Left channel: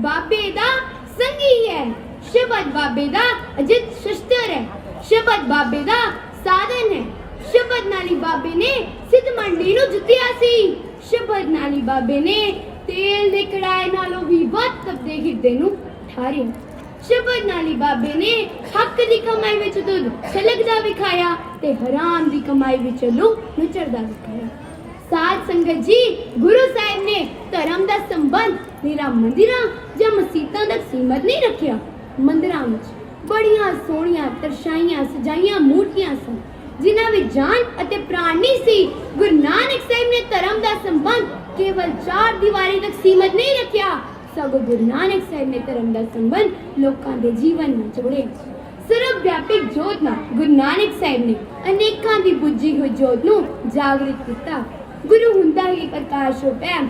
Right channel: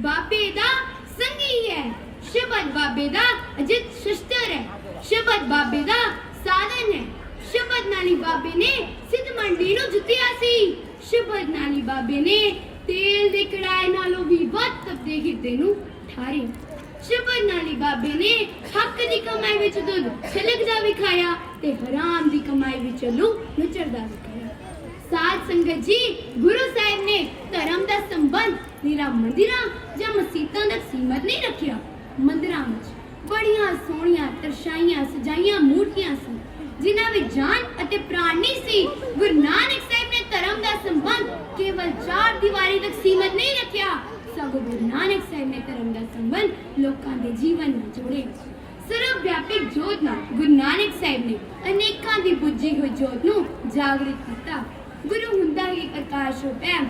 ਬਾਬੇ ਦਾ ਸੰਗੀ ਹੈ। ਸ਼ਬਦ ਬਾਬੇ ਦਾ ਅਜਿਤ ਸ਼ਸਤਰ ਹੈ। ਸ਼ਬਦ ਬਾਬੇ ਦਾ ਸਾਧਨ ਹੈ। ਸ਼ਬਦ ਨਾਲੀ ਬਾਬੇ ਨੇ ਸਿੱਧ ਮੰਡੀ ਨੂੰ ਜਿੱਤਿਆ ਸੀ। ਸ਼ਬਦ ਨਾਲੀ ਬਾਬੇ ਨੇ ਤੇਲ ਦੇ ਕੜਾਏ ਨਾਲੋਂ ਵੀ ਵੱਧ ਤਪਦੇ ਹਿਰਦੇ ਨੂੰ ਠਾਰਿਆ। ਸ਼ਬਦ ਨਾਲੀ ਬਾਬੇ ਨੇ ਹੱਕ ਦੀ ਕਮਾਈ ਵਿੱਚ ਦੁੱਧ ਛਲਕਦਾ ਵਿਖਾਇਆ ਤੇ ਹਰਾਮ ਦੀ ਕਮਾਈ ਵਿੱਚ ਲੂ ਨਚਰਦਾ ਵਿਖਾਇਆ। ਸਾਧ ਸੰਗਤ ਜੀ, ਗੁਰੂ ਸਾਹਿਬ ਨੇ ਧਰਮ ਦਾ ਸੰਬੰਧ ਮੰਦਿਰਾਂ ਜਾਂ ਮਸਜਿਦਾਂ ਤੱਕ ਸੀਮਤ ਨਹੀਂ ਰੱਖਿਆ। ਮੰਦਿਰਾਂ ਵਿੱਚ ਬੜੀਆਂ ਸੋਹਣੀਆਂ ਤਰਸ਼ਾਈਆਂ ਸਜਾਈਆਂ ਮੂਰਤੀਆਂ ਸਨ, ਜਿਨ੍ਹਾਂ ਵਿੱਚ ਜਾਨ ਅਤੇ ਪ੍ਰਾਣ ਨਹੀਂ ਸੀ। ਗੁਰੂ ਨਾਨਕ ਸਾਹਿਬ ਨੇ ਧਰਮ ਦਾ ਸੰਬੰਧ ਕੇਵਲ ਚਾਰ ਦੀਵਾਰੀ ਤੱਕ ਸੀਮਤ ਨਹੀਂ ਰੱਖਿਆ। ਸਗੋਂ ਗੁਰੂ ਨਾਨਕ ਸਾਹਿਬ ਨੇ ਧਰਮ ਦਾ ਸੰਬੰਧ ਲੋਕਾਂ ਦੇ ਜੀਵਨ ਨਾਲ ਜੋੜਿਆ। ਸਰਵ ਵਿਆਪਕ ਜੋਤ ਨਾਲ ਗੁਰੂ ਨਾਨਕ ਸਾਹਿਬ ਨੇ ਅਨੇਕਾਂ ਦੀ ਬੁੱਝੀ ਹੋਈ ਜੋਤ ਨੂੰ ਜਾਗਰਿਤ ਕੀਤਾ। ਗੁਰੂ ਹੁੰਦਾ ਹੀ ਪ੍ਰਕਾਸ਼ ਰੂਪ ਹੈ।